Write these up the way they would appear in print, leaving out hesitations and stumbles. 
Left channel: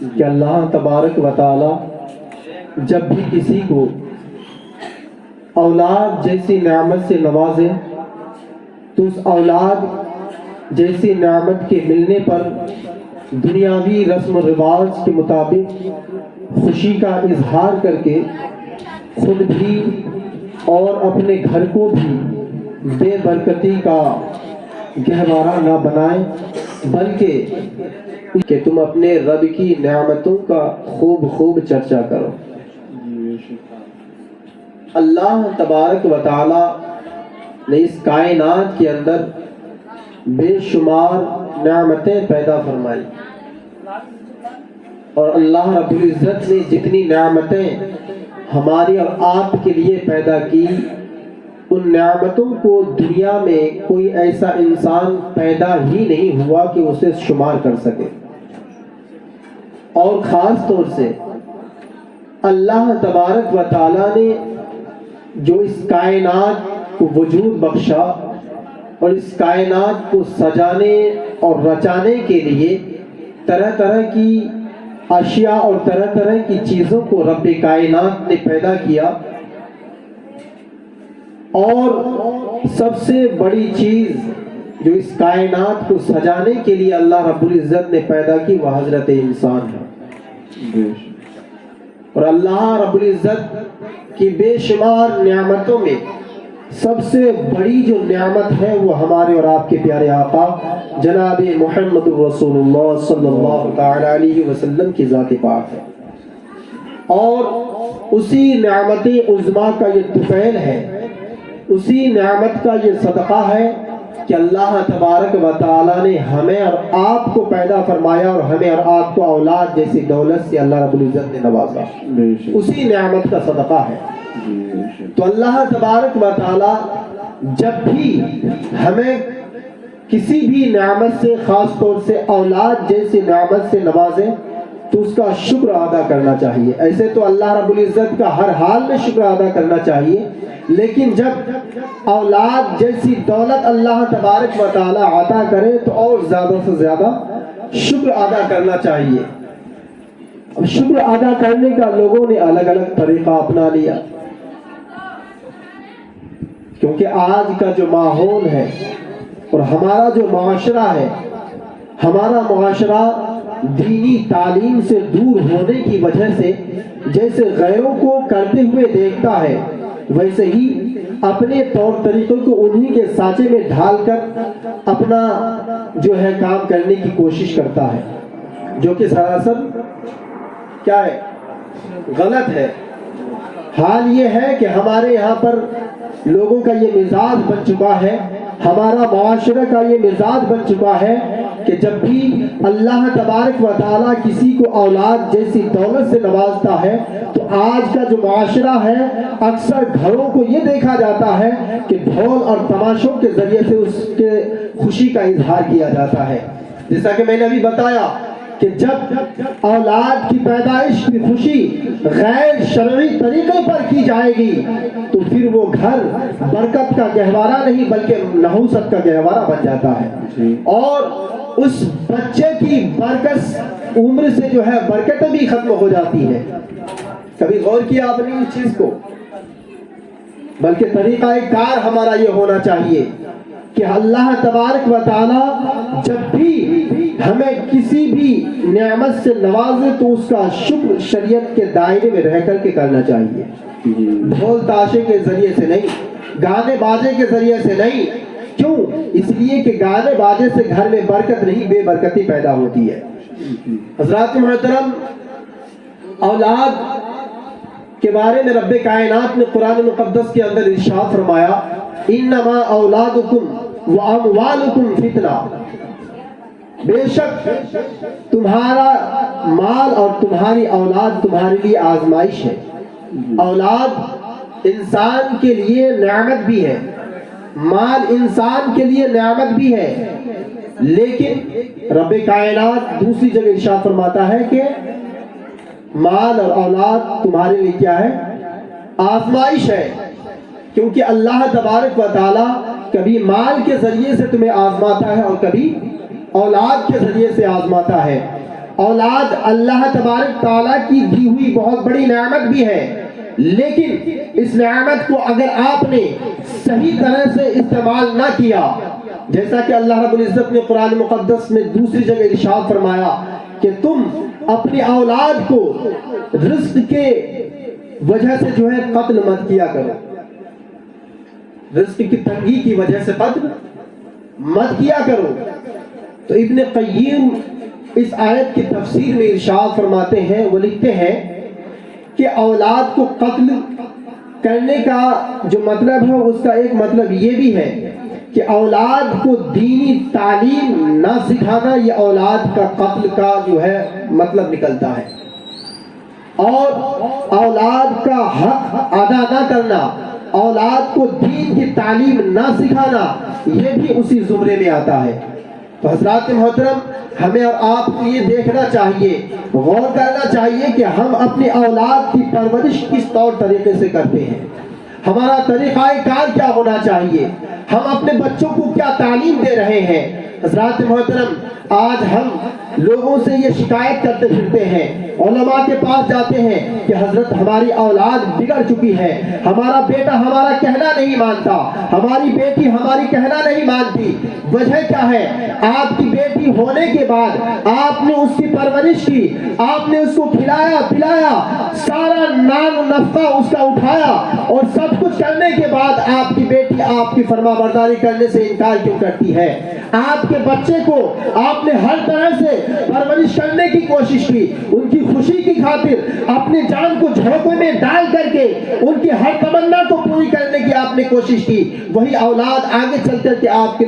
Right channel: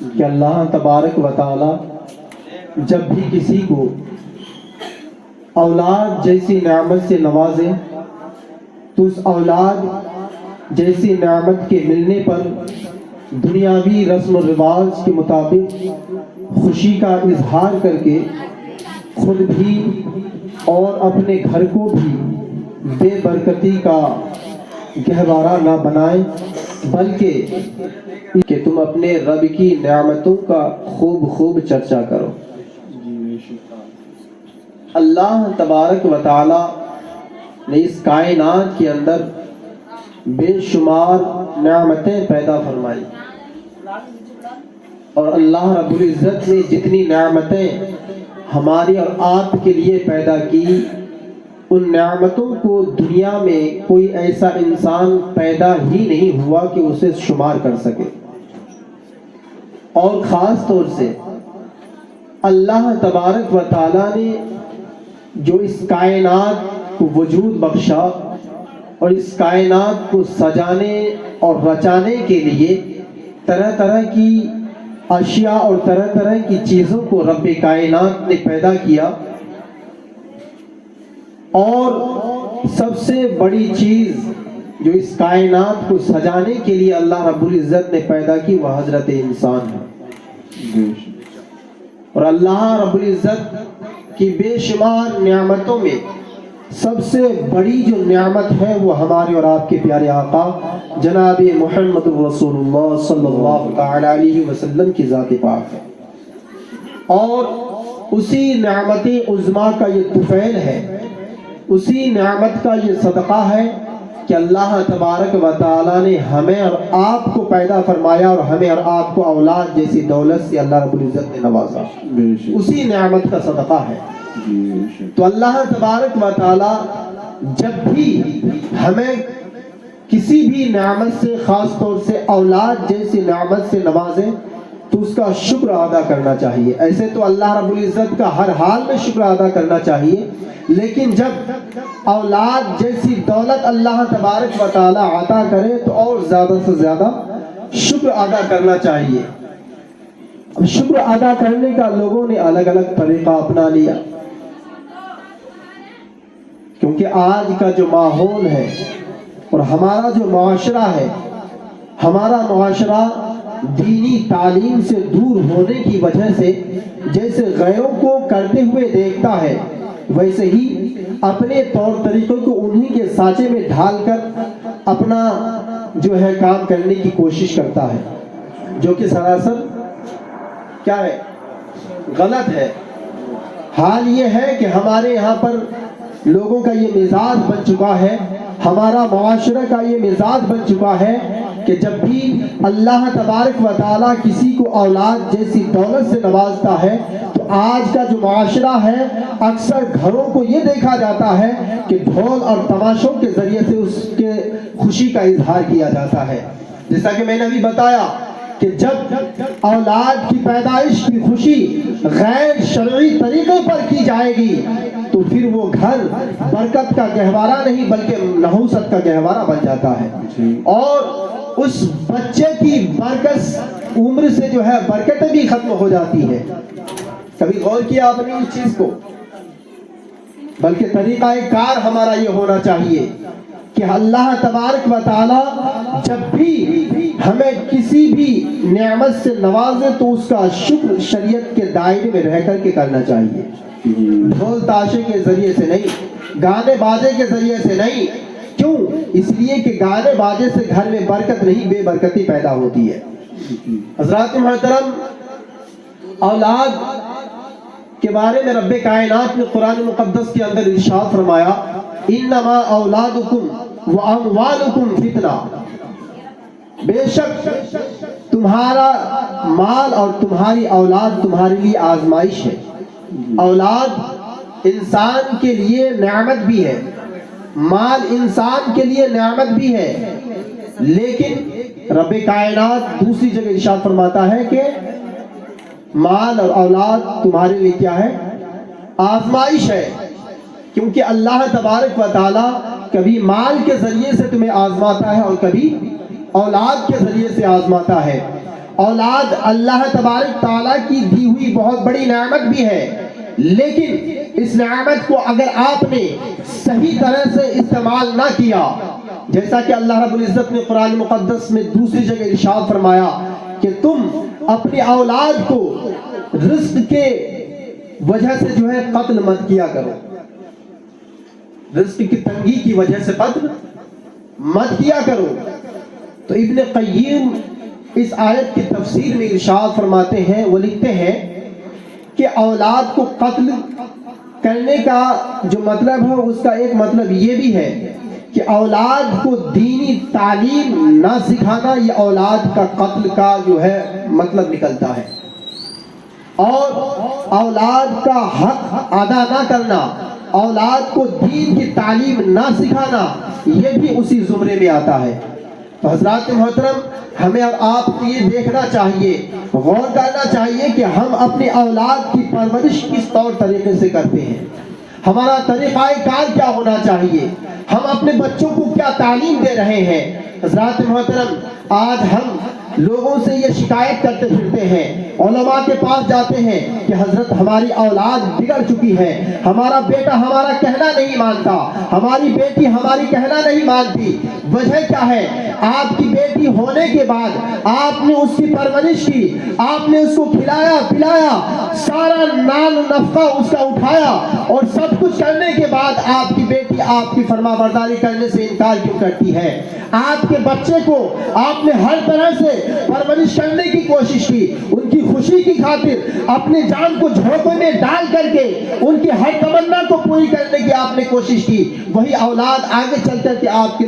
کہ اللہ تبارک و تعالی جب بھی کسی کو اولاد جیسی نعمت سے نوازے تو اس اولاد جیسی نعمت کے ملنے پر دنیاوی رسم و رواج کے مطابق خوشی کا اظہار کر کے خود بھی اور اپنے گھر کو بھی بے برکتی کا گہوارہ نہ بنائے، بلکہ کہ تم اپنے رب کی نعمتوں کا خوب چرچا کرو۔ اللہ تبارک و تعالی نے اس کائنات کے اندر بے شمار نعمتیں پیدا فرمائی، اور اللہ رب العزت نے جتنی نعمتیں ہماری اور آپ کے لیے پیدا کی، ان نعمتوں کو دنیا میں کوئی ایسا انسان پیدا ہی نہیں ہوا کہ اسے شمار کر سکے۔ اور خاص طور سے اللہ تبارک و تعالی نے جو اس کائنات کو وجود بخشا اور اس کائنات کو سجانے اور رچانے کے لیے طرح طرح کی اشیاء اور طرح طرح کی چیزوں کو رب کائنات نے پیدا کیا، اور سب سے بڑی چیز جو اس کائنات کو سجانے کے لیے اللہ رب العزت نے پیدا کی وہ حضرت انسان ہے۔ اور اللہ رب العزت کی بے شمار نعمتوں میں سب سے بڑی جو نعمت ہے وہ ہمارے اور آپ کے پیارے آقا جناب محمد رسول اللہ صلی اللہ تعالی علیہ وسلم کی ذات پاک ہے، اور اسی نعمت عظمیٰ کا یہ طفیل ہے، اسی نعمت کا یہ صدقہ ہے کہ اللہ تبارک و تعالی نے ہمیں اور آپ کو پیدا فرمایا اور ہمیں اور آپ کو اولاد جیسی دولت سے اللہ رب العزت نے نوازا، اسی نعمت کا صدقہ ہے۔ تو اللہ تبارک و تعالی جب بھی ہمیں کسی بھی نعمت سے، خاص طور سے اولاد جیسی نعمت سے نوازے تو اس کا شکر ادا کرنا چاہیے۔ ایسے تو اللہ رب العزت کا ہر حال میں شکر ادا کرنا چاہیے، لیکن جب اولاد جیسی دولت اللہ تبارک و تعالی عطا کرے تو اور زیادہ سے زیادہ شکر ادا کرنا چاہیے۔ اب شکر ادا کرنے کا لوگوں نے الگ الگ طریقہ اپنا لیا، کیونکہ آج کا جو ماحول ہے اور ہمارا جو معاشرہ ہے، ہمارا معاشرہ دینی تعلیم سے دور ہونے کی وجہ سے جیسے غیروں کو کرتے ہوئے دیکھتا ہے، ویسے ہی اپنے طور طریقوں کو انہی کے سانچے میں ڈھال کر اپنا جو ہے کام کرنے کی کوشش کرتا ہے، جو کہ سراسر کیا ہے، غلط ہے۔ حال یہ ہے کہ ہمارے یہاں پر لوگوں کا یہ مزاج بن چکا ہے، ہمارا معاشرہ کا یہ مزاج بن چکا ہے کہ جب بھی اللہ تبارک و تعالیٰ کسی کو اولاد جیسی دولت سے نوازتا ہے تو آج کا جو معاشرہ ہے اکثر گھروں کو یہ دیکھا جاتا ہے کہ ڈھول اور تماشوں کے ذریعے سے اس کے خوشی کا اظہار کیا جاتا ہے۔ جیسا کہ میں نے ابھی بتایا کہ جب اولاد کی پیدائش کی خوشی غیر شرعی طریقے پر کی جائے گی تو پھر وہ گھر برکت کا گہوارہ نہیں بلکہ نحوست کا گہوارہ بن جاتا ہے، اور اس بچے کی برکت عمر سے جو ہے برکتیں بھی ختم ہو جاتی ہے۔ کبھی غور کیا آپ نے اس چیز کو؟ بلکہ طریقہ کار ہمارا یہ ہونا چاہیے کہ اللہ تبارک و تعالی جب بھی ہمیں کسی بھی نعمت سے نوازے تو اس کا شکر شریعت کے دائرے میں رہ کر کے کرنا چاہیے، ڈھول تاشے کے ذریعے سے نہیں، گانے باجے کے ذریعے سے نہیں۔ کیوں؟ اس لیے کہ گانے باجے سے گھر میں برکت نہیں، بے برکتی پیدا ہوتی ہے۔ حضرات محترم، اولاد کے بارے میں رب کائنات نے قرآن مقدس کے اندر ارشاد فرمایا، انما اولادکم واموالکم فتنہ، بے شک تمہارا مال اور تمہاری اولاد تمہارے لیے آزمائش ہے۔ اولاد انسان کے لیے نعمت بھی ہے، مال انسان کے لیے نعمت بھی ہے، لیکن رب کائنات دوسری جگہ ارشاد فرماتا ہے کہ مال اور اولاد تمہارے لیے کیا ہے؟ آزمائش ہے، کیونکہ اللہ تبارک و تعالیٰ کبھی مال کے ذریعے سے تمہیں آزماتا ہے اور کبھی اولاد کے ذریعے سے آزماتا ہے۔ اولاد اللہ تبارک تعالیٰ کی دی ہوئی بہت بڑی نعمت بھی ہے، لیکن اس نعمت کو اگر آپ نے صحیح طرح سے استعمال نہ کیا، جیسا کہ اللہ رب العزت نے قرآن مقدس میں دوسری جگہ ارشاد فرمایا کہ تم اپنی اولاد کو رزق کے وجہ سے جو ہے قتل مت کیا کرو، رزق کی تنگی کی وجہ سے قتل مت کیا کرو۔ تو ابن قیم اس آیت کی تفسیر میں ارشاد فرماتے ہیں، وہ لکھتے ہیں کہ اولاد کو قتل کرنے کا جو مطلب ہے اس کا ایک مطلب یہ بھی ہے کہ اولاد کو دینی تعلیم نہ سکھانا، یہ اولاد کا قتل کا جو ہے مطلب نکلتا ہے، اور اولاد کا حق ادا نہ کرنا، اولاد کو دین کی تعلیم نہ سکھانا، یہ بھی اسی زمرے میں آتا ہے۔ تو حضرات محترم، ہمیں اور آپ کو یہ دیکھنا چاہیے، غور کرنا چاہیے کہ ہم اپنی اولاد کی پرورش کس طور طریقے سے کرتے ہیں، ہمارا طریقہ کار کیا ہونا چاہیے، ہم اپنے بچوں کو کیا تعلیم دے رہے ہیں۔ حضرات محترم، آج ہم لوگوں سے یہ شکایت کرتے پھرتے ہیں، علماء کے پاس جاتے ہیں کہ حضرت ہماری اولاد بگڑ چکی ہے، ہمارا بیٹا ہمارا کہنا نہیں مانتا، ہماری بیٹی ہماری کہنا نہیں مانتی۔ وجہ کیا ہے؟ آپ کی بیٹی ہونے کے بعد آپ نے اس کی پرورش کی، آپ نے اس کو کھلایا پلایا، سارا نان نفقہ اس کا اٹھایا، اور سب کچھ کرنے کے بعد آپ کی بیٹی آپ کی فرما برداری کرنے سے انکار کیوں کرتی ہے؟ آپ کے بچے کو آپ نے ہر طرح سے پرورش کرنے کی کوشش کی، ان کی خوشی کی خاطر اپنی جان کو جھونپڑے میں ڈال کر کے ان کی ہر تمنا کو پوری کرنے کی آپ نے کوشش کی، وہی اولاد آگے چل کر کے آپ کی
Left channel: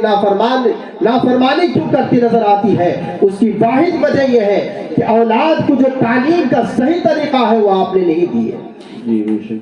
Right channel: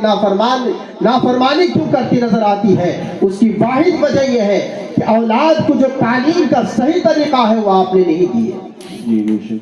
نافرمانی کیوں کرتی نظر آتی ہے؟ اس کی واحد وجہ یہ ہے کہ اولاد کو جو تعلیم کا صحیح طریقہ ہے وہ آپ نے نہیں دی ہے۔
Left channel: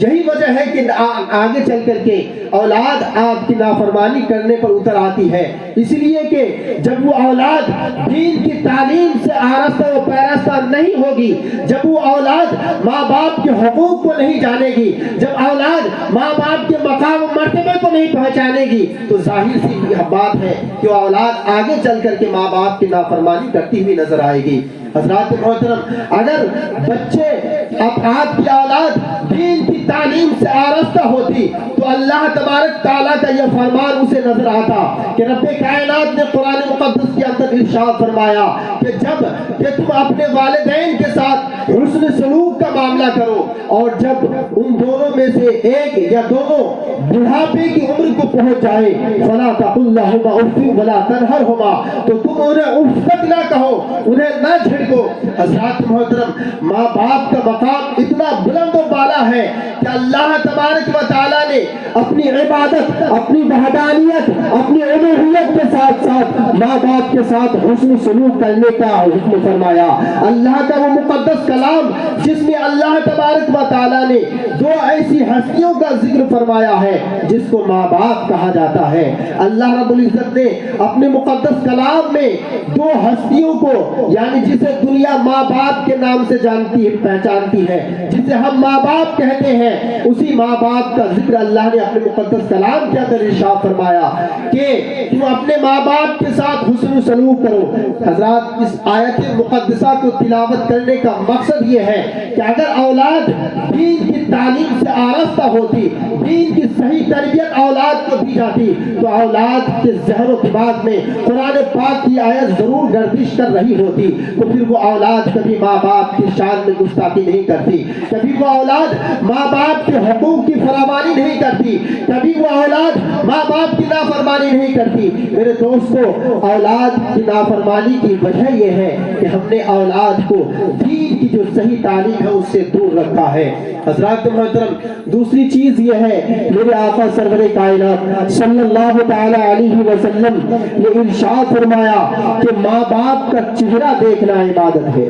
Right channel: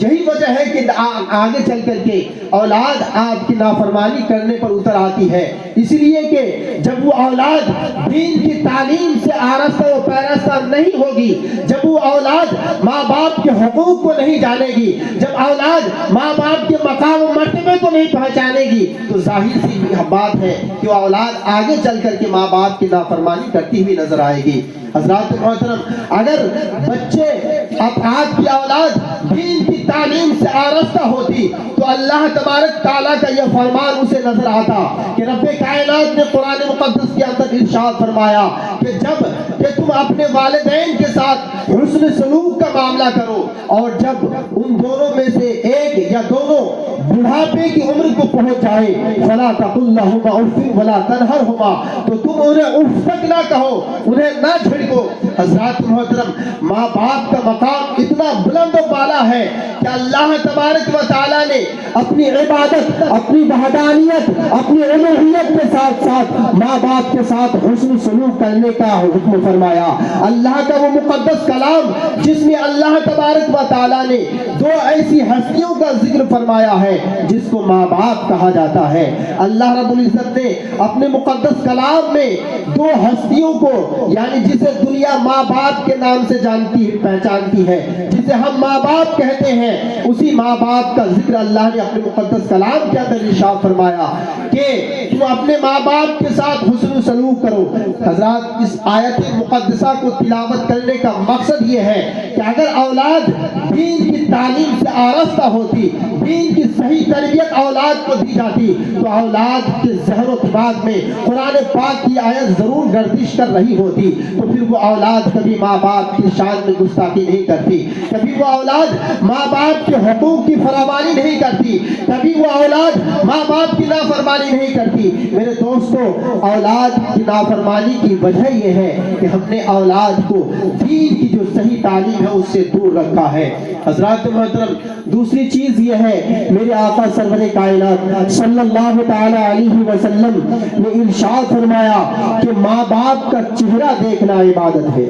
یہی وجہ ہے کہ آگے چل کر کے اولاد آپ کی نافرمانی کرنے پر اتر آتی ہے، اس لیے کہ جب وہ اولاد دین کی تعلیم سے آراستہ و پیراستہ نہیں ہوگی، جب وہ اولاد ماں باپ کے حقوق کو نہیں جانے گی، جب اولاد ماں باپ کے مقام و مرتبے کو نہیں پہچانے گی، تو ظاہر سی بات ہے کہ وہ اولاد آگے چل کر کے ماں باپ کی نافرمانی کرتی ہوئی نظر آئے گی۔ حضرات محترم، اگر بچے آپ کی اولاد دین کی تعلیم سے آراستہ ہوتی تو اللہ تبارک تعالیٰ کا یہ فرمان اسے نظر آتا کہ رب کائنات نے قرآن مقدس کے اندر ارشاد فرمایا کہ جب کہ تم اپنے والدین کے ساتھ حسن سلوک کا معاملہ کرو، اور جب ان دونوں میں سے ایک یا دونوں بڑھاپے کی عمر کو پہنچ جائے فلا تقل لهما اف ولا تنهرهما، تو تم انہیں اف تک نہ کہو، انہیں نہ جھڑکو۔ حضرات محترم، ماں باپ کا مقام اتنا بلند و بالا ہے کہ اللہ تبارک و تعالیٰ نے اپنی عبادت، اپنی وحدانیت، اپنی الوہیت کے ساتھ ساتھ ماں باپ کے ساتھ حسن سلوک کرنے کا حکم فرمایا۔ اللہ کا وہ مقدس کلام جس میں اللہ تبارک و تعالیٰ نے دو ایسی ہستیوں کا ذکر فرمایا ہے جس کو ماں باپ کہا جاتا ہے۔ اللہ رب العزت نے اپنے مقدس کلام میں دو ہستیوں کو، یعنی جسے دنیا ماں باپ کے نام سے جانتی ہے، پہچانتی ہے، جسے ہم ماں باپ کہتے ہیں، اسی ماں باپ کا ذکر اللہ نے اپنے مقدس کلام کے اندر ارشاد فرمایا کہ تم اپنے ماں باپ کے ساتھ حسن سلوک کرو۔ حضرات، اس آیت مقدسہ کو تلاوت کرنے کا مقصد یہ ہے کہ اگر اولاد دین کی تعلیم سے آراستہ ہوتی، دین کی صحیح تربیت اولاد کو دی جاتی، تو اولاد کے ذہن و دماغ میں قرآن پاک کی آیت ضرور گردش کر رہی ہوتی، تو پھر وہ اولاد کبھی ماں باپ کی شان میں گستاخی نہیں کرتی، کبھی وہ اولاد ماں باپ کے حقوق کی فراوانی نہیں کرتی، کبھی وہ اولاد ماں باپ کی نافرمانی نہیں کرتی۔ میرے دوستو، اولاد کی نافرمانی کی وجہ یہ ہے کہ ہم نے اولاد کو دین کی جو صحیح تعلیم ہے اس سے دور رکھا ہے۔ حضرات محترم، دوسری چیز یہ ہے، میرے آقا سرور کائنات صلی اللہ تعالی علیہ وسلم نے ارشاد فرمایا کہ ماں باپ کا چہرہ دیکھنا عبادت ہے۔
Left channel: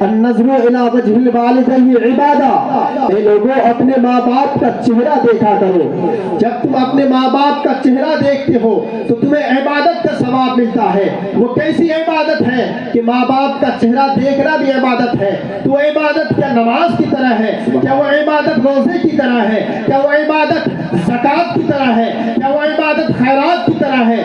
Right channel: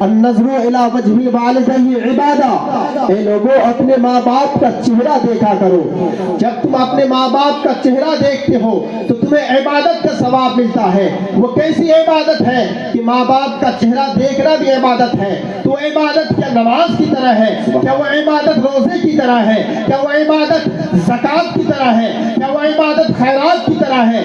النظر الی وجہ الوالدین عبادہ، اے لوگوں اپنے ماں باپ کا چہرہ دیکھا کرو۔ جب تم اپنے ماں باپ کا چہرہ دیکھتے ہو تو تمہیں عبادت کا ثواب ملتا ہے۔ وہ کیسی عبادت ہے کہ ماں باپ کا چہرہ دیکھنا بھی عبادت ہے؟ تو عبادت کیا نماز کی طرح ہے؟ کیا وہ عبادت روزے کی طرح ہے؟ کیا وہ عبادت زکوٰۃ کی طرح ہے؟ کیا وہ عبادت خیرات کی طرح ہے؟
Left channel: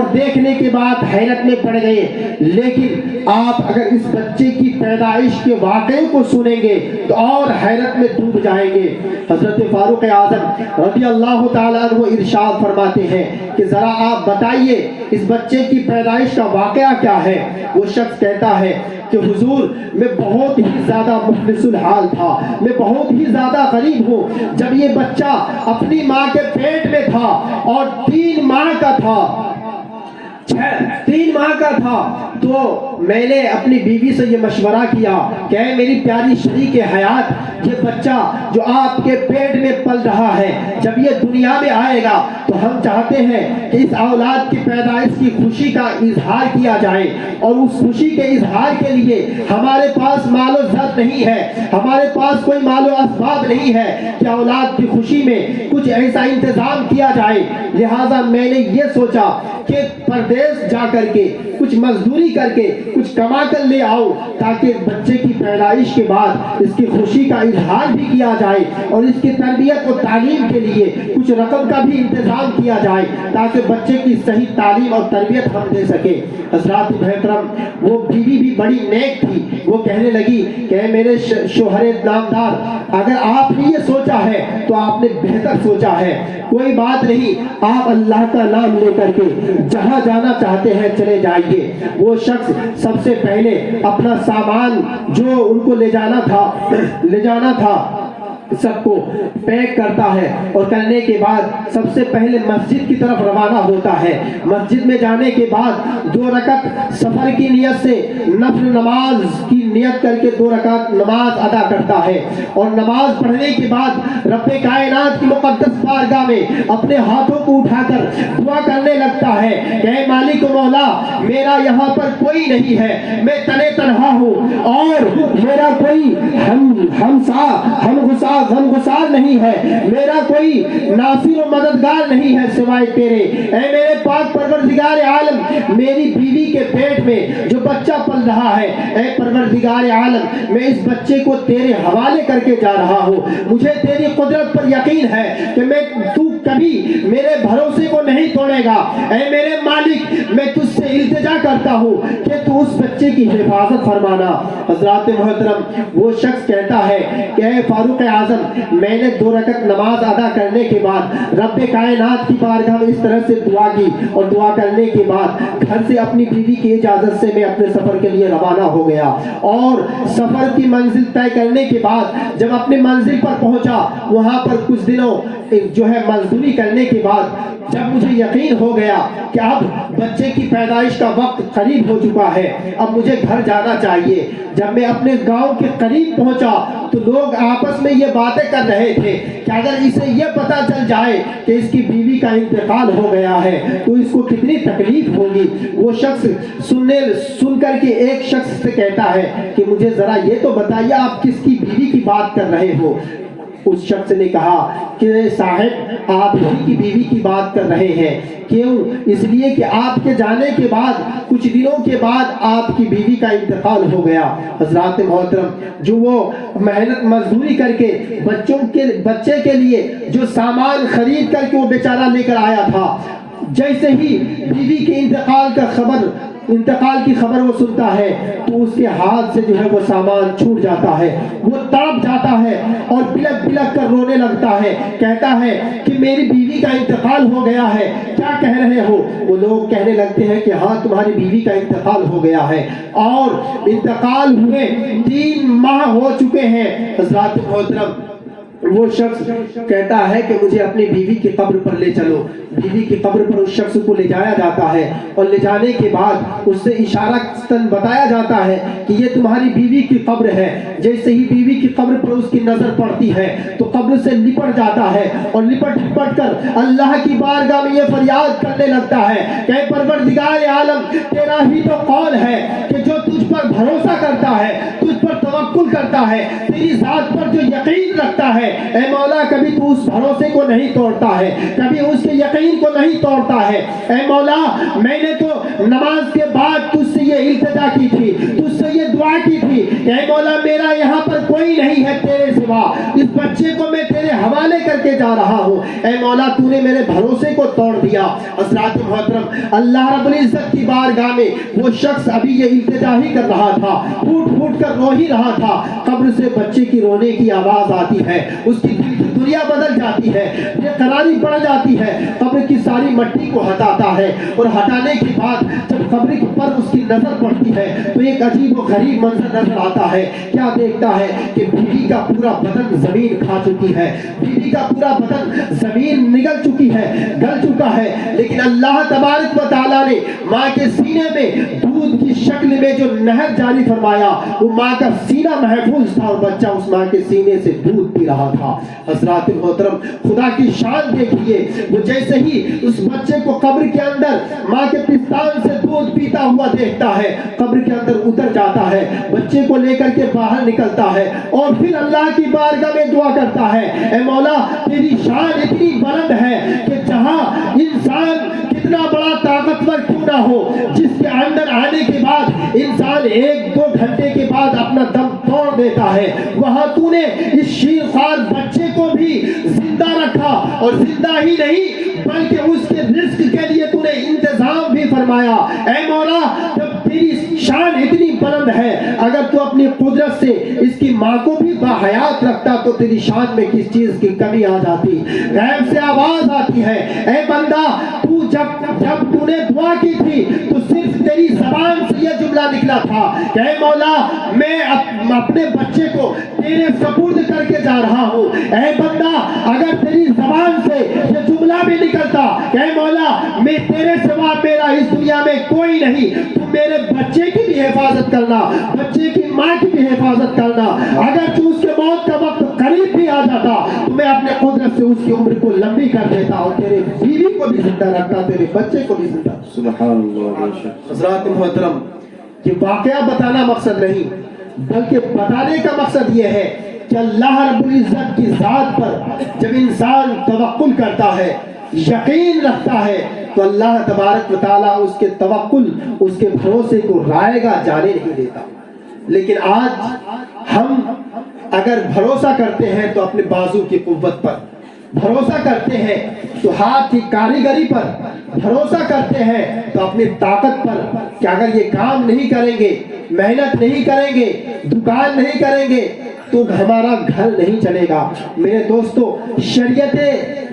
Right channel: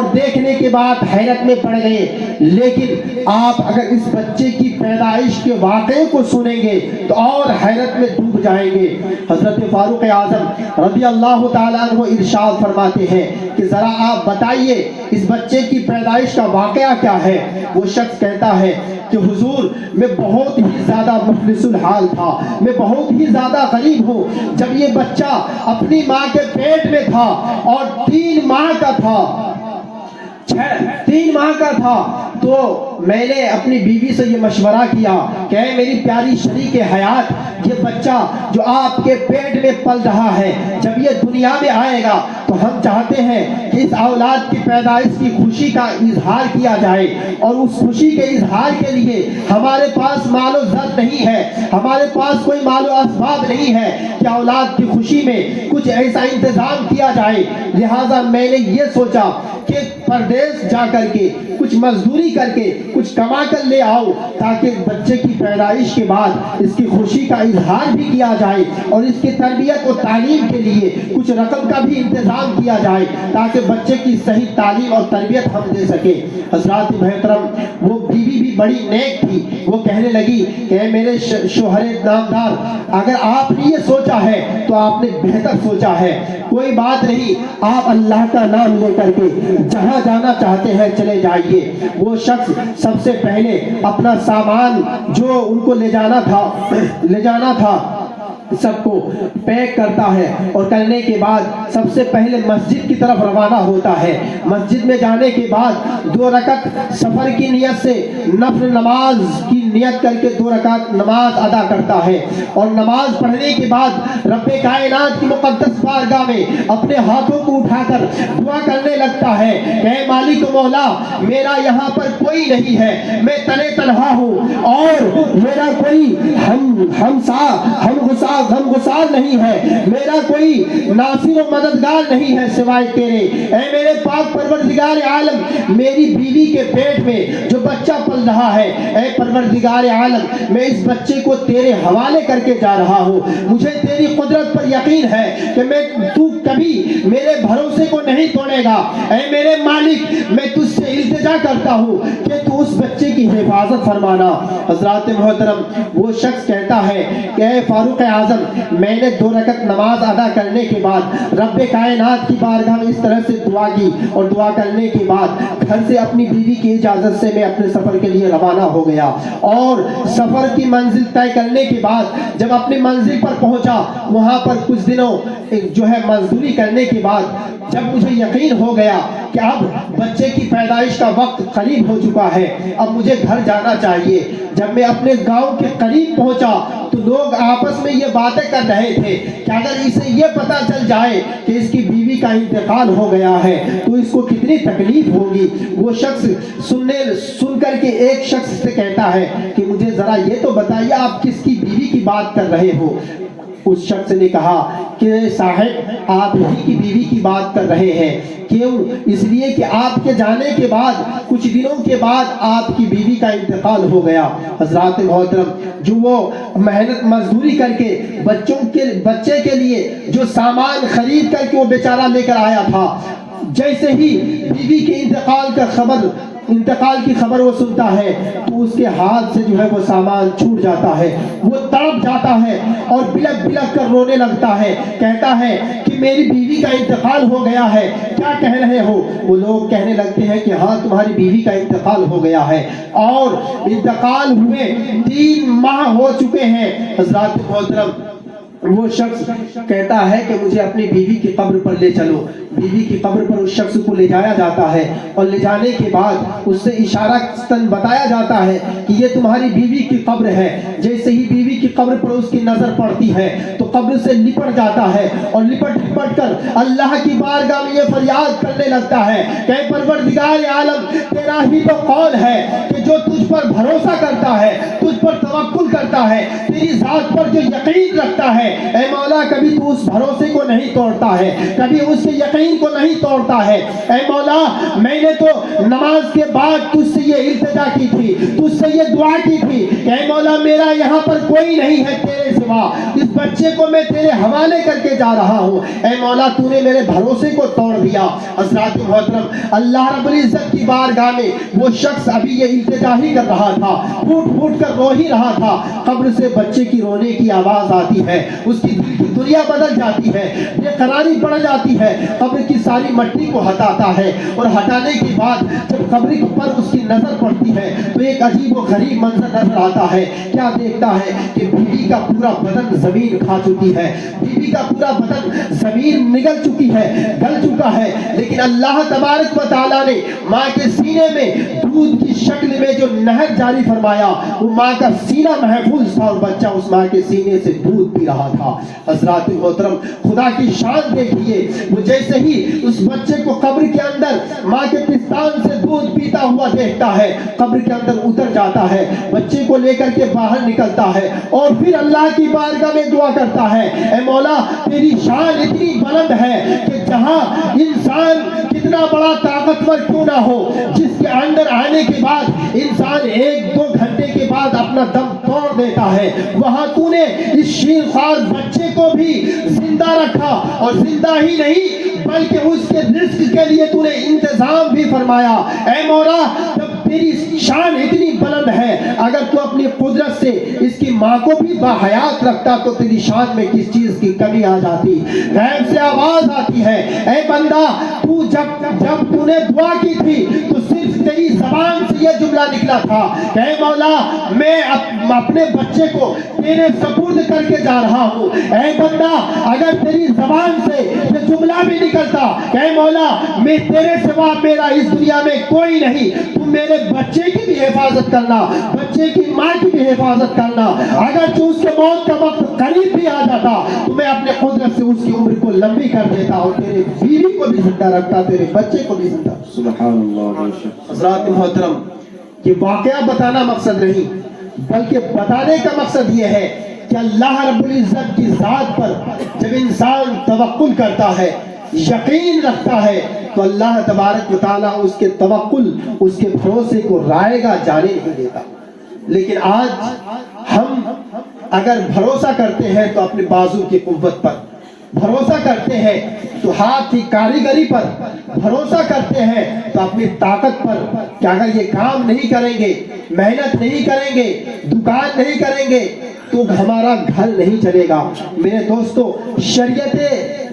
اور دیکھنے کے بعد حیرت میں پڑ گئے، لیکن آپ اگر اس بچے کی پیدائش کے واقعے کو سنیں گے تو اور حیرت میں ڈوب جائیں گے۔ حضرت فاروق اعظم رضی اللہ تعالیٰ عنہ ارشاد فرماتے ہیں کہ ذرا آپ بتائیے اس بچے کی پیدائش کا واقعہ کیا ہے؟ وہ شخص کہتا ہے کہ حضور میں بہت ہی زیادہ مفلس الحال تھا، میں بہت ہی زیادہ غریب ہوں۔ جب یہ بچہ اپنی ماں کے پیٹ میں تھا اور 3 ماہ کا تھا، 3 ماہ کا تھا، تو میں نے اپنی بیوی سے یہ مشورہ کیا کہ اے میری پیاری شریک حیات، یہ بچہ جو آپ کے پیٹ میں پل رہا ہے جب یہ دنیا میں آئے گا تو ہم چاہتے ہیں کہ اس اولاد کی پیدائش کی خوشی کا اظہار کیا جائے، اور اس خوشی کے اظہار کے لیے ہمارے پاس مال و زر نہیں ہے، ہمارے پاس کوئی مال و اسباب نہیں ہے کہ اولاد کی خوشی میں کچھ ایسا انتظام کیا جائے۔ لہٰذا میں نے یہ سوچا کہ پردیس جا کر کے کچھ مزدوری کر کے کچھ کما کر لے آؤ تاکہ بچے کی پیدائش کے بعد اس کی خوشی کا اظہار بھی کیا جائے اور اس کی تربیت و تعلیم کے لیے کچھ رقم کا بھی انتظام کیا جائے تاکہ بچے کی صحیح تعلیم اور تربیت ہم دے سکے۔ حضرات محترم، وہ بیوی بھی بڑی نیک تھی، وہ کہنے لگی کہ اے میرے شوہر نامدار، اگر آپ نے یہ سوچا ہے تو آپ نے بہتر سوچا ہے، کوئی بات نہیں، آپ اللہ کا نام لے کر کے جہاں جانا چاہتے ہیں چلے جائیے۔ وہ شخص سب سے پہلے اپنا سامان جو ان کو لے جانا تھا سب کو پیک کرتا ہے، اور کرنے کے بعد سب سے پہلے مسجد کی طرف روانہ ہوتا ہے۔ مسجد میں جانے کے بعد 2 رکعت سفر کی نیت سے نفل نماز کی نیت کر کے 2 رکعت نماز ادا کرتا ہے، اور نماز پڑھنے کے بعد رب کائنات کی مقدس بارگاہ میں اپنے ہاتھوں کو اٹھا کر دعا کرنے لگتا ہے، اے مالک مولا، میرا یہاں پر کوئی نہیں ہے، میں تنے تنہا ہوں اور میرا کوئی ہم گسار نہیں ہے، میرا کوئی ناصر و مددگار نہیں ہے سوائے تیرے۔ اے میرے پاک پروردگار عالم، میری بیوی کے پیٹ میں جو بچہ پل رہا ہے، اے پروردگار عالم، میں اس بچے کو تیرے حوالے کر کے جا رہا ہوں۔ مجھے تیری قدرت پر یقین ہے کہ تو کبھی میرے بھروسے کو نہیں توڑے گا۔ اے میرے مالک، میں تجھ سے التجا کرتا ہوں کہ تو اس بچے کی حفاظت فرمانا۔ حضرات محترم، وہ شخص کہتا ہے کہ اے فاروق اعظم، میں نے 2 رکعت نماز ادا کرنے کے بعد رب کائنات کی بارگاہ میں اس طرح سے دعا کی، اور دعا کرنے کے بعد گھر سے اپنی بیوی کی اجازت سے میں اپنے سفر کے لیے روانہ ہو گیا، اور سفر کی منزل طے کرنے کے بعد جب اپنی منزل پر پہنچا، وہاں پر کچھ دنوں جو ہے مزدوری کرنے کے بعد جب مجھے یقین ہو گیا کہ اب بچے کی پیدائش کا وقت قریب ہو چکا ہے، اب مجھے گھر جانا چاہیے، جب میں اپنے گاؤں کے قریب پہنچا تو لوگ آپس میں یہ باتیں کر رہے تھے کہ اگر اسے یہ پتا چل جائے کہ اس کی بیوی کا انتقال ہو گیا ہے تو اس کو کتنی تکلیف ہوگی۔ وہ شخص سن کر کے ایک شخص سے کہتا ہے کہ مجھے ذرا یہ تو بتائیے آپ کس کی بیوی کی بات کر رہے ہو؟ اس شخص نے کہا کہ صاحب، آپ ہی کی بیوی کی بات کر رہے ہیں۔ کیوں؟ اس لیے کہ آپ کے جانے کے بعد کچھ دنوں کے بعد آپ کی بیوی کا انتقال ہو گیا۔ حضرات محترم، جو وہ محنت مزدوری کر کے بچے کے لیے جو سامان خرید کر کے وہ بیچارہ لے کر آیا تھا، جیسے ہی بیوی کے انتقال کی خبر وہ سنتا ہے تو اس کے ہاتھ سے جو ہے وہ سامان چھوٹ جاتا ہے، وہ تڑپ جاتا ہے اور بلک بلک کر رونے لگتا ہے، کہتا ہے کہ میری بیوی کا انتقال ہو گیا ہے، کیا کہہ رہے ہو؟ وہ لوگ کہنے لگتے ہیں کہ ہاں تمہاری بیوی کا انتقال ہو گیا ہے، اور انتقال ہوئے 3 ماہ ہو چکے ہیں۔ حضرات محترم، وہ شخص کہتا ہے کہ مجھے اپنی بیوی کی قبر پر لے چلو۔ بیوی کی قبر پر اس شخص کو لے جایا جاتا ہے، اور لے جانے کے بعد اس سے اشارتاً بتایا جاتا ہے کہ یہ تمہاری بیوی کی قبر ہے۔ جیسے ہی بیوی کی قبر پر اس کی نظر پڑتی ہے تو قبر سے لپٹ جاتا ہے، اور لپٹ کر اللہ کی بارگاہ میں یہ فریاد کرنے لگتا ہے کہ اے پروردگار عالم، تیرا ہی تو قول ہے کہ جو تجھ پر بھروسہ کرتا ہے، تجھ پر توکل کرتا ہے، تیری ذات پر جو یقین رکھتا ہے، اے مولا کبھی تو اس بھروسے کو نہیں توڑتا ہے، کبھی اس کے یقین کو نہیں توڑتا ہے۔ اے مولا، میں نے تو نماز کے بعد تجھ سے یہ التجا کی تھی، تجھ سے یہ دعا کی تھی کہ اے مولا میرا یہاں پر کوئی نہیں ہے تیرے سوا، اس بچے بچے کو میں تیرے حوالے کر کے جا رہا ہوں، اے مولا تو نے میرے بھروسے کو توڑ دیا۔ حضرات محترم، اللہ رب العزت کی بارگاہ میں وہ شخص ابھی یہ التجا ہی کر رہا تھا، پھوٹ پھوٹ کر رو ہی رہا تھا، قبر سے بچے کی رونے کی آواز آتی ہے، اس کی دل کی دنیا بدل جاتی ہے، بے قراری پڑ جاتی ہے، قبر کی ساری مٹی کو ہٹاتا ہے، اور ہٹانے کے بعد جب قبر پر اس کی نظر پڑتی ہے تو ایک عجیب و غریب منظر نظر آتا ہے۔ کیا دیکھتا ہے کہ بیوی کا پورا بدن زمین کھا چکی ہے، بیوی کا پورا بدن زمین نگل چکی ہے، گل چکا ہے، لیکن اللہ تبارک و تعالیٰ نے ماں کے سینے میں دودھ کی شکل میں جو نہر جاری فرمایا، وہ ماں کا سینہ محفوظ تھا اور بچہ اس ماں کے سینے سے دودھ پی رہا تھا۔ حضرات محترم، خدا کی شان دیکھیے، وہ جیسے ہی اس بچے کو قبر کے اندر ماں کے پستان سے دودھ پیتا ہوا دیکھتا ہے، قبر کے اندر اتر جاتا ہے، بچے کو لے کر کے باہر نکلتا ہے اور پھر اللہ کی بارگاہ میں دعا کرتا ہے، اے مولا تیری شان اتنی بلند ہے کہ جہاں انسان کتنا بڑا طاقتور کیوں نہ ہو، جس کے اندر آنے کے بعد انسان 1-2 گھنٹے کے بعد اپنا دم توڑ دیتا ہے، وہاں تو نے اس شیرخوار بچے کو بھی زندہ رکھا، اور زندہ ہی نہیں بلکہ اس کے رزق کے لیے تو نے انتظام بھی فرمایا۔ اے مولا جب تیری شان اتنی بلند ہے، اگر تو اپنی قدرت سے اس کی ماں کو بھی باحیات رکھتا تو تیری شان میں کس چیز کی کمی آ جاتی۔ غیب سے آواز آتی ہے، اے بندہ تو جب تو نے دعا کی تھی تو صرف تیری زبان سے یہ جملہ نکلا تھا کہ اے مولا میں اپنے بچے کو تیرے سپرد کر کے جا رہا ہوں۔ اے بندہ اگر تیری زبان سے یہ جملہ بھی نکلتا کہ اے مولا میں تیرے سوا میرا اس دنیا میں کوئی نہیں، تو میرے بچے کی بھی حفاظت کرنا، بچے کی ماں کی بھی حفاظت کرنا، اگر تو اس کے موت کا وقت قریب بھی آ جاتا تو میں اپنے قدرت سے اس کی عمر کو لمبی کر دیتا اور تیرے بیوی کو بھی زندہ رکھتا، تیرے بچے کو بھی زندہ۔ سبحان اللہ۔ حضرات محترم، یہ واقعہ بتانا مقصد نہیں بلکہ بتانے کا مقصد یہ ہے کہ اللہ رب العزت کی ذات پر جب انسان توکل کرتا ہے، یقین رکھتا ہے، تو اللہ تبارک و تعالیٰ اس کے توکل، اس کے بھروسے کو رائے گا جانے نہیں دیتا۔ لیکن آج ہم اگر بھروسہ کرتے ہیں تو اپنے بازو کی قوت پر بھروسہ کرتے ہیں، تو ہاتھ کی کاریگری پر بھروسہ کرتے ہیں، تو اپنی طاقت پر کہ اگر یہ کام نہیں کریں گے، محنت نہیں کریں گے، دکان نہیں کریں گے تو ہمارا گھر نہیں چلے گا۔ میرے دوستو، شریعت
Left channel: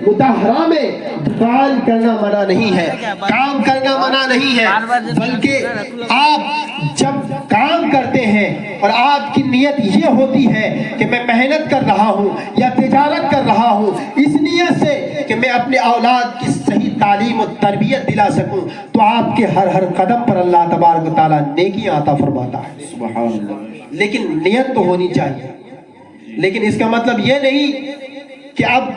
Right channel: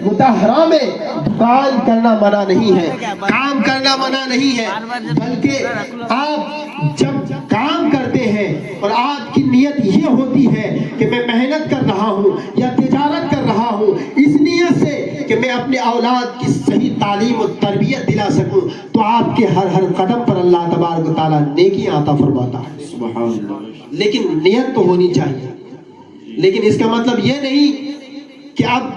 مطہرہ میں دکان کرنا منع نہیں ہے، کام کرنا منع نہیں ہے، بلکہ آپ جب کام کرتے ہیں اور آپ کی نیت یہ ہوتی ہے کہ میں محنت کر رہا ہوں یا تجارت کر رہا ہوں اس نیت سے کہ میں اپنے اولاد کی صحیح تعلیم و تربیت دلا سکوں، تو آپ کے ہر قدم پر اللہ تبارک و تعالیٰ نیکیاں عطا فرماتا ہے۔ سبحان اللہ۔ لیکن نیت تو ہونی چاہیے، لیکن اس کا مطلب یہ نہیں کہ اب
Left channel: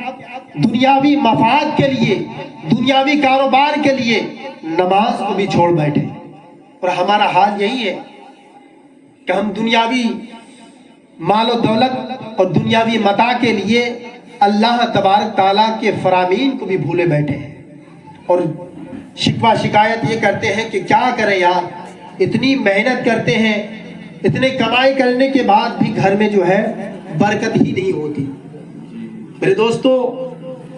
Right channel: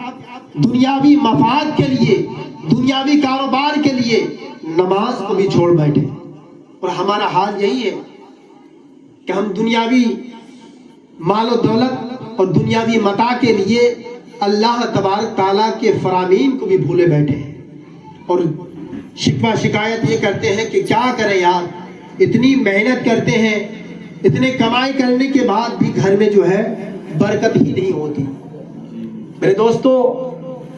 دنیاوی مفاد کے لیے، دنیاوی کاروبار کے لیے نماز کو بھی چھوڑ بیٹھے، اور ہمارا حال یہی ہے کہ ہم دنیاوی مال و دولت اور دنیاوی متاع کے لیے اللہ تبارک تعالیٰ کے فرامین کو بھی بھولے بیٹھے ہیں، اور شکوہ شکایت یہ کرتے ہیں کہ کیا کریں یار، اتنی محنت کرتے ہیں، اتنے کمائی کرنے کے بعد بھی گھر میں جو ہے برکت ہی نہیں ہوتی۔ میرے دوستو،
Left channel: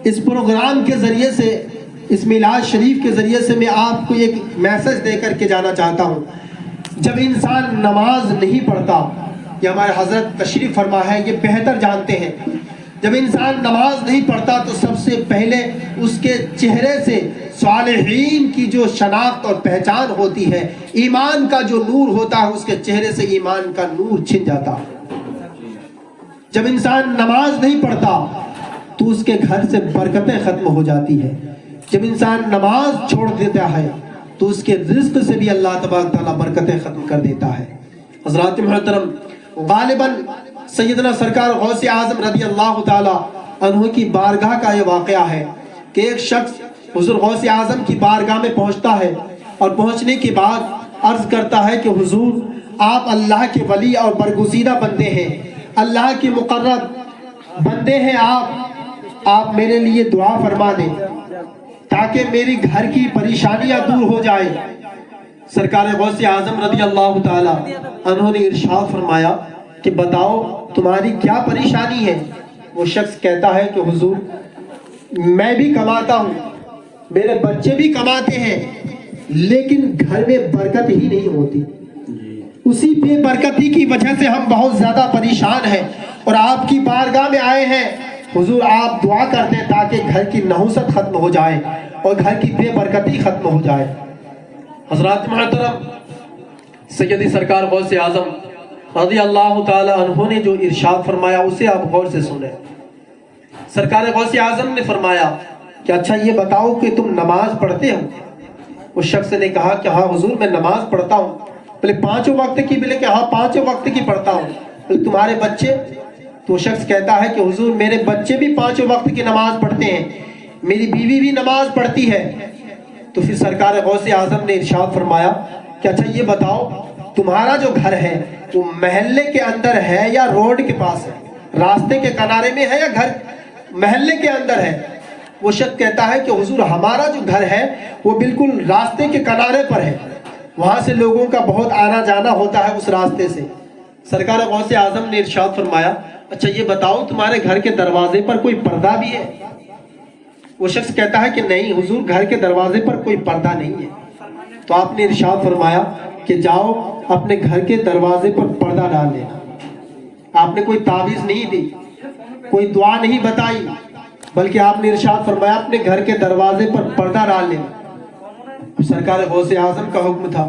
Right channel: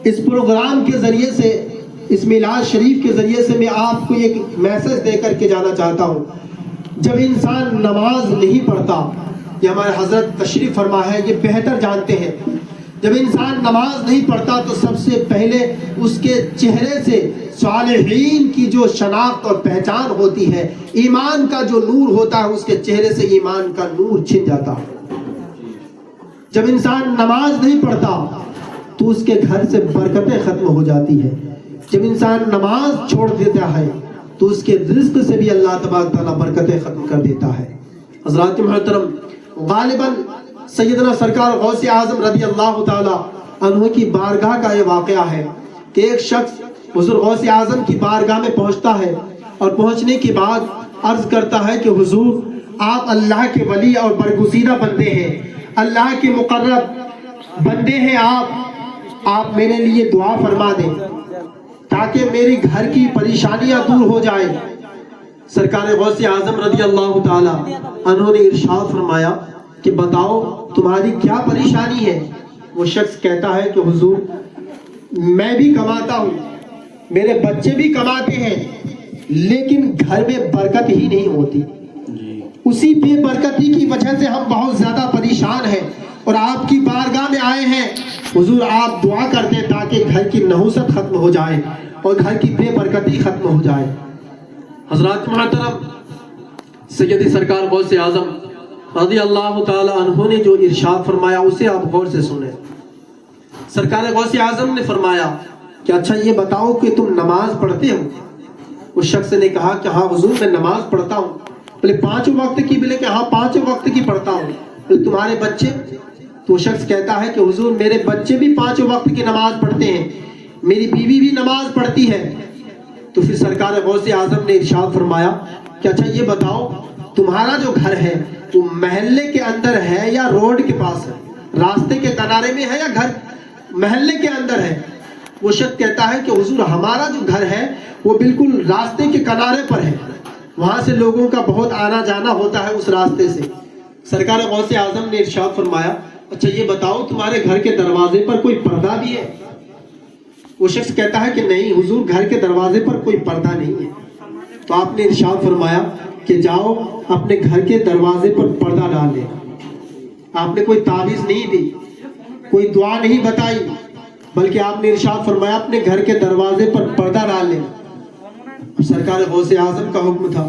اس پروگرام کے ذریعے سے، اس میلاد شریف کے ذریعے سے میں آپ کو ایک میسج دے کر کے جانا چاہتا ہوں۔ جب انسان نماز نہیں پڑھتا، یہ ہمارے حضرت تشریف فرما ہے، یہ بہتر جانتے ہیں، جب انسان نماز نہیں پڑھتا تو سب سے پہلے اس کے چہرے سے صالحین کی جو شناخت اور پہچان ہوتی ہے، ایمان کا جو نور ہوتا ہے، اس کے چہرے سے ایمان کا نور چھن جاتا ہے۔ جب انسان نماز نہیں پڑھتا تو اس کے گھر سے برکتیں ختم ہو جاتی ہے۔ جب انسان نماز چھوڑ دیتا ہے تو اس کے رزق سے بھی اللہ تبارک تعالیٰ برکتیں ختم کر دیتا ہے۔ حضرات محترم، غالباً سیدنا سرکار غوث اعظم رضی اللہ تعالیٰ عنہ کی بارگاہ کا یہ واقعہ ہے کہ ایک شخص حضور غوث اعظم کی بارگاہ میں پہنچتا ہے، اور پہنچنے کے بعد عرض کرتا ہے کہ حضور آپ اللہ کے ولی اور برگزیدہ بندے ہیں، اللہ کے مقرب بندے ہیں، آپ میرے لیے دعا فرما دیں تاکہ میری گھر کی پریشانیاں دور ہو جائیں۔ سرکار غوث اعظم رضی اللہ تعالی عنہ نے ارشاد فرمایا کہ بتاؤ تمہاری کیا پریشانی ہے؟ وہ شخص کہتا ہے کہ حضور میں بھی کماتا ہوں, میرے بچے بھی کماتے ہیں, لیکن گھر میں برکت ہی نہیں ہوتی. اسی بے برکتی کی وجہ سے ہم بہت زیادہ پریشان ہیں اور آپ کی بارگاہ میں آئے ہیں. حضور آپ دعا کر دیں تاکہ گھر کی نحوست ختم ہو جائے اور گھر کی بے برکتی ختم ہو جائے. حضرات محترم, سیدی سرکار غوث اعظم رضی اللہ تعالی عنہ نے جو ارشاد فرمایا اسے آپ غور سے سنیں. سرکار غوث اعظم نے فرمایا کہ اچھا یہ بتاؤ کہ تم نماز پڑھتے ہو؟ اس شخص نے کہا کہ ہاں حضور میں نماز پڑھتا ہوں. بولے 5 وقت کی؟ بولے کہ ہاں 5 وقت کی پڑھتا ہوں. بولے تمہارے بچے؟ تو شخص کہتا ہے کہ حضور میرے بچے بھی 5 وقت کی نماز پڑھتے ہیں, میری بیوی بھی نماز پڑھتی ہے. تو پھر سرکار غوث اعظم نے ارشاد فرمایا کہ اچھا یہ بتاؤ تمہارا جو گھر ہے وہ محلے کے اندر ہے یا روڈ کے پاس ہے, راستے کے کنارے میں ہے یا گھر محلے کے اندر ہے؟ وہ شخص کہتا ہے کہ حضور ہمارا جو گھر ہے وہ بالکل راستے کے کنارے پر ہے, وہاں سے لوگوں کا بہت آنا جانا ہوتا ہے اس راستے سے. سرکار غوث اعظم نے ارشاد فرمایا اچھا یہ بتاؤ تمہارے گھر کے دروازے پر کوئی پردہ بھی ہے؟ وہ شخص کہتا ہے کہ نہیں حضور گھر کے دروازے پر کوئی پردہ نہیں ہے. تو آپ نے ارشاد فرمایا کہ جاؤ اپنے گھر کے دروازے پر پردہ ڈال لے. آپ نے کوئی تعویذ نہیں دی, کوئی دعا نہیں بتائی, بلکہ آپ نے ارشاد فرمایا اپنے گھر کے دروازے پر پردہ ڈال لے. سرکار غوث اعظم کا حکم تھا.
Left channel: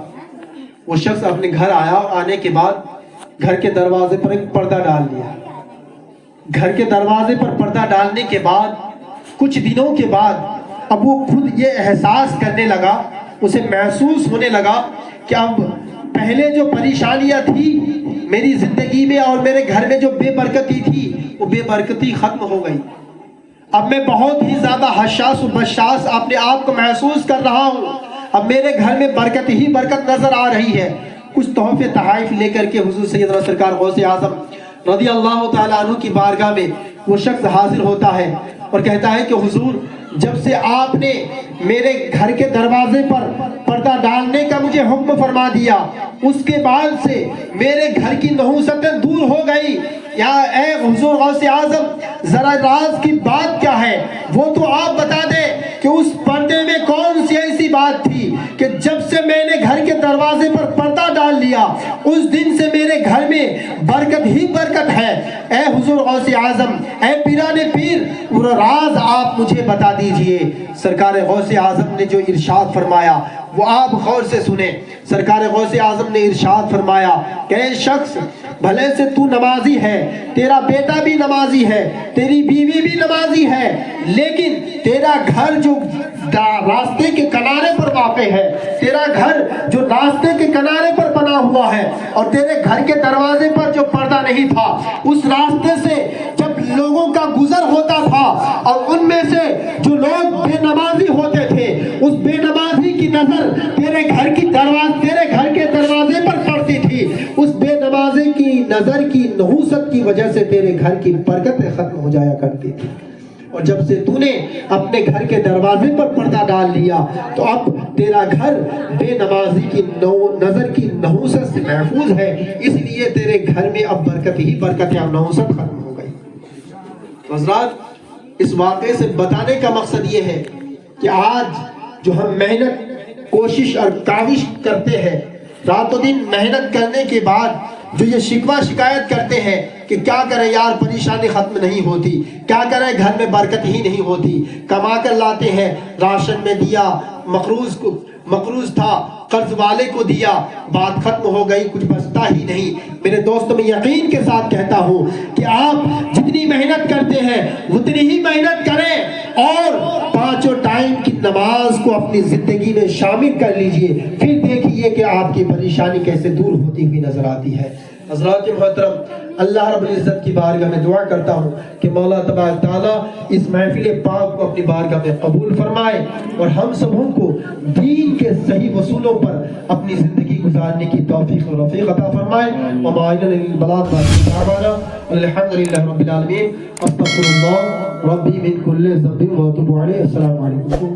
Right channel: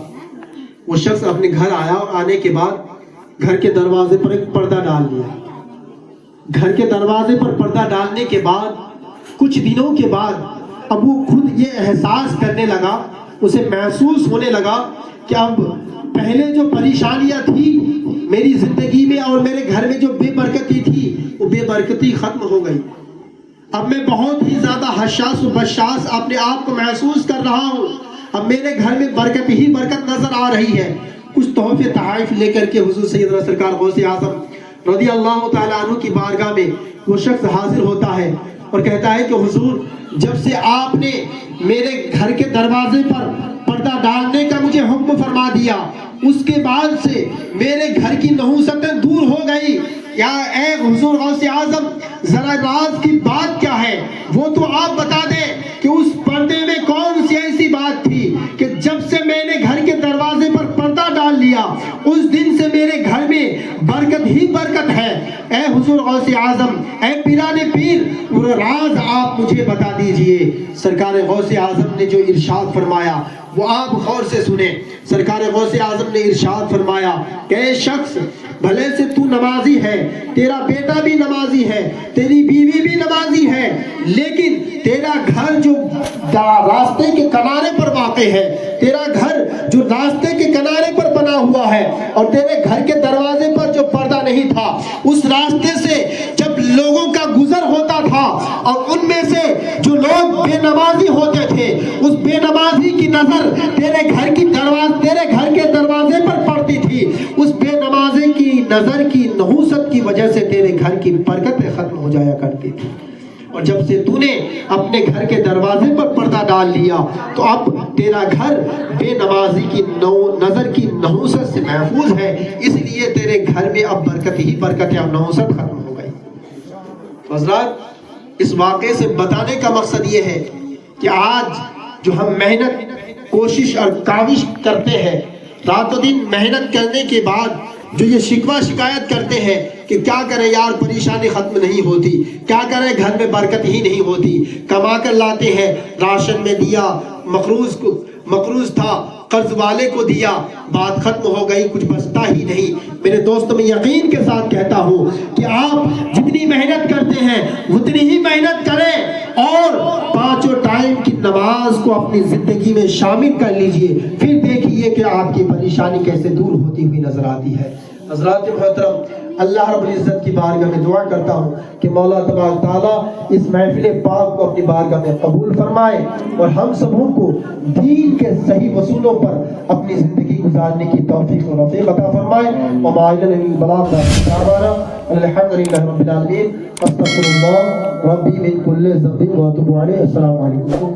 وہ شخص اپنے گھر آیا اور آنے کے بعد گھر کے دروازے پر ایک پردہ ڈال لیا. گھر کے دروازے پر پردہ ڈالنے کے بعد کچھ دنوں کے بعد اب وہ خود یہ احساس کرنے لگا, اسے محسوس ہونے لگا کہ اب پہلے جو پریشانیاں تھی میری زندگی میں اور میرے گھر میں جو بے برکتی تھی وہ بے برکتی ختم ہو گئی. اب میں بہت ہی زیادہ حساس و بشاس اپنے آپ کو محسوس کر رہا ہوں. اب میرے گھر میں برکت ہی برکت نظر آ رہی ہے. کچھ تحفے تحائف لے کر کے حضور سیدنا سرکار غوث اعظم رضی اللہ تعالیٰ عنہ کی بارگاہ میں وہ شخص حاضر ہوتا ہے اور کہتا ہے کہ حضور جب سے آپ نے میرے گھر کے دروازے پر پردہ ڈالنے کا مجھے حکم فرما دیا اس کے بعد سے میرے گھر کی نحوستیں دور ہو گئی. یا اے حضور غوث اعظم ذرا راز کی بات کیا ہے وہ تو آپ بتا دیں کہ اس پردے میں کون سی ایسی بات تھی کہ جب سے میں نے گھر کے دروازے پر پردہ ڈال لیا اس دن سے میرے گھر میں برکت ہی برکت ہے. اے حضور غوث اعظم, اے پیران پیر, وہ راز آپ مجھے بتا دیجئے. سرکار غوث اعظم نے جو ارشاد فرمایا وہ آپ غور سے سنیں. سرکار غوث اعظم نے ارشاد فرمایا کہ اے شخص بھلے سے تو نمازی ہے, تیرا بیٹا بھی نمازی ہے, تیری بیوی بھی نمازی ہے, لیکن تیرا گھر جو راستے کے کنارے پر واقع ہے, تیرا گھر جو راستے کے کنارے پر بنا ہوا ہے اور تیرے گھر کے دروازے پر جو پردہ نہیں تھا, اس راستے سے جب لوگوں کا گزر ہوتا تھا اور ان میں سے جو لوگ بے نمازی ہوتے تھے اس بے نمازی کی نظر تیرے گھر کے دروازے پر پڑتی تھی, اس بے نمازی کی نظر کی نحوست کی وجہ سے تیرے گھر کی برکتیں ختم ہو جایا کرتی تھی. اور جب سے تو نے اپنے گھر کے دروازے پر پردہ ڈال لیا تو اب تیرا گھر بے نمازی کی نظر کی نحوست سے محفوظ ہے, اس لیے تیرے گھر میں اب برکت ہی برکت ہے, اب نحوست ختم ہو گئی. حضرات اس واقعے سے بتانے کا مقصد یہ ہے کہ آج جو ہم محنت کوشش اور کاوش کرتے ہیں, رات و دن محنت کرنے کے بعد جو یہ شکوہ شکایت کرتے ہیں کہ کیا کریں یار پریشانی ختم نہیں ہوتی, کیا کریں گھر میں برکت ہی نہیں ہوتی, کما کر لاتے ہیں, راشن میں دیا, مقروض تھا قرض والے کو دیا, بات ختم ہو گئی, کچھ بچتا ہی نہیں. میرے دوست میں یقین کے ساتھ کہتا ہوں کہ آپ جتنی محنت کرتے ہیں اتنی ہی محنت کریں اور 5 ٹائم کی نماز کو اپنی زندگی میں شامل کر لیجئے, پھر دیکھیے کہ آپ کی پریشانی کیسے دور ہوتی ہوئی نظر آتی ہے. حضرات محترم, اللہ رب العزت کی بارگاہ میں دعا کرتا ہوں کہ مولا تبارک تعالیٰ اس محفل پاک کو اپنی بارگاہ میں قبول فرمائے اور ہم سبوں کو دین کے صحیح اصولوں پر اپنی زندگی گزارنے کی توفیق و رفیق عطا فرمائے. وما علینا الا البلاغ, الحمدللہ رب العالمین, استغفر اللہ ربی من کل ذنب واتوب علیہ. السلام علیکم.